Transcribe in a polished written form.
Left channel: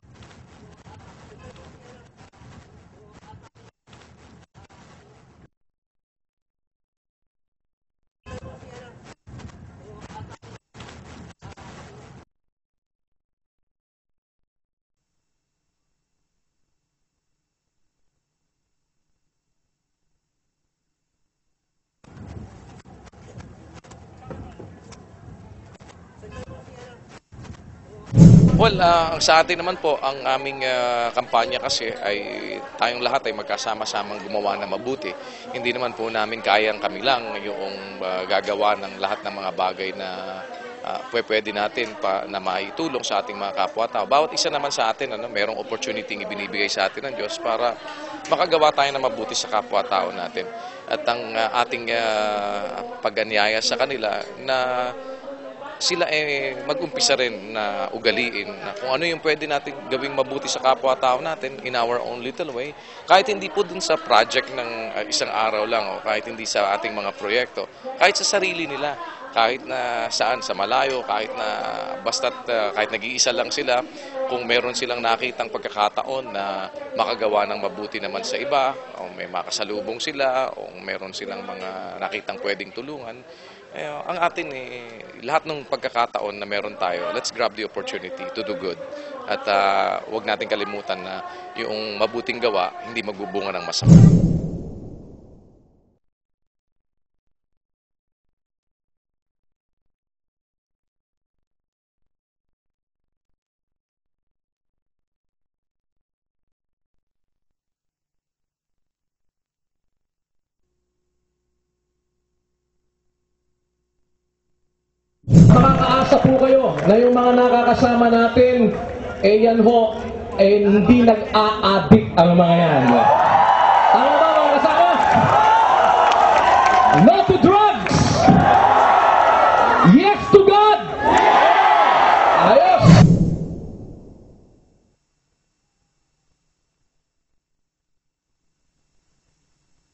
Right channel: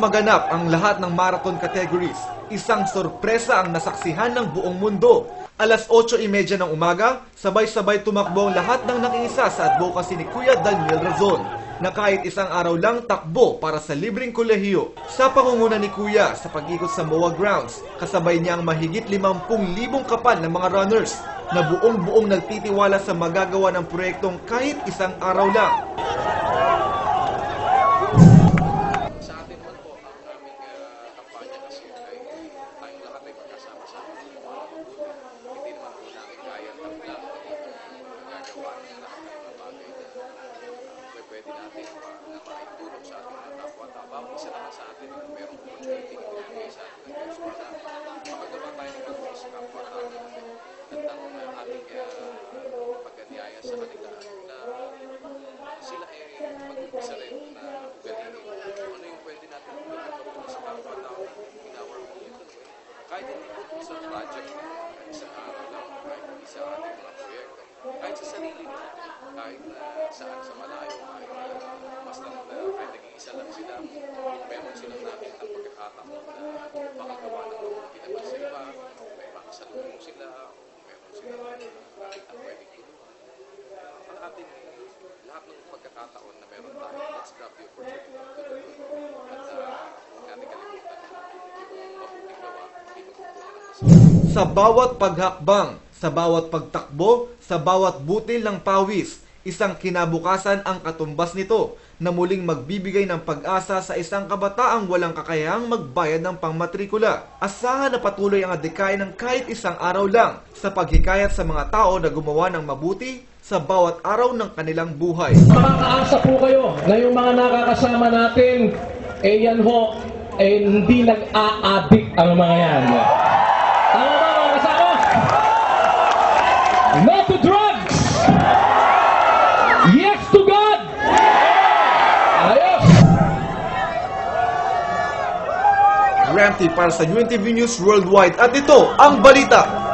maganap ang lahat ng marathon categories. Isang sorpresa ang nasaksihan ng buong mundo. Alas 8:30 ng umaga, sabay-sabay tumakbo ang lahat ng nakiisa sa advocacy ni Kuya Daniel Razon na kahit isang araw lang takbo para sa libreng kolehiyo. Sa pangunguna ni Kuya sa pag-ikot sa MOA grounds, kasabay niya ang mahigit 50,000 kapal ng mga runners na buong-buong nagtitiwala sa magagawa ng proyektong kahit isang araw lang. Well, sa atin naman po, ang aming kampanya kasi ay tayong lahat ay magkasama-samang gumawa na mabuti. Hindi naman po namin kayang kami lang yung gagawa ng lahat ng mga bagay na pwede natin na maitulong sa ating mga kapwa-tao. Bawat isa naman sa atin, merong opportunity ibinibigay sa atin ng Diyos para makagawa tayo na mabuti sa kapwa-tao natin. At ang ating pag-anyaya sa kanila na sila mag-umpisa rin na ugaliin na kung ano yung pwede natin gawing mabuti sa kapwa-tao natin in our own little way. Kahit hindi po dun sa project ng isang araw lang o kahit hindi sa ating mga proyekto, kahit sa sarili nila, kahit na saan, sa malayo, kahit na basta't kahit nag-iisa lang sila, kung meron silang nakitang pagkakataon na makagawa ng mabuti naman sa iba, o may makasalubong sila, o meron silang mga nakitang pwedeng tulungan, ang atin lahat ng pagkakataon na meron tayo, let's grab the opportunity to do good. At huwag natin kalimutan na yung mabuting gawa, hindi magbubunga ng masama. Sa bawat paghakbang, sa bawat pagtakbo, sa bawat butil ng pawis, isang kinabukasan ang katumbas nito na muling magbibigay ng pag-asa sa isang kabataang walang kakayahang magbayad ng pangmatrikula. Asahan na patuloy ang adhikain ng kahit isang araw lang sa paghikayat sa mga tao na gumawa ng mabuti sa bawat araw ng kanilang buhay. Makakaasa po kayo na yung mga nakakasama natin, yan ho, hindi nag-a-addict ang mga yan. Tama ba mga kasama? No to drugs! Yes to God! Ayos! Ramty para sa UNTV News Worldwide at ito ang balita.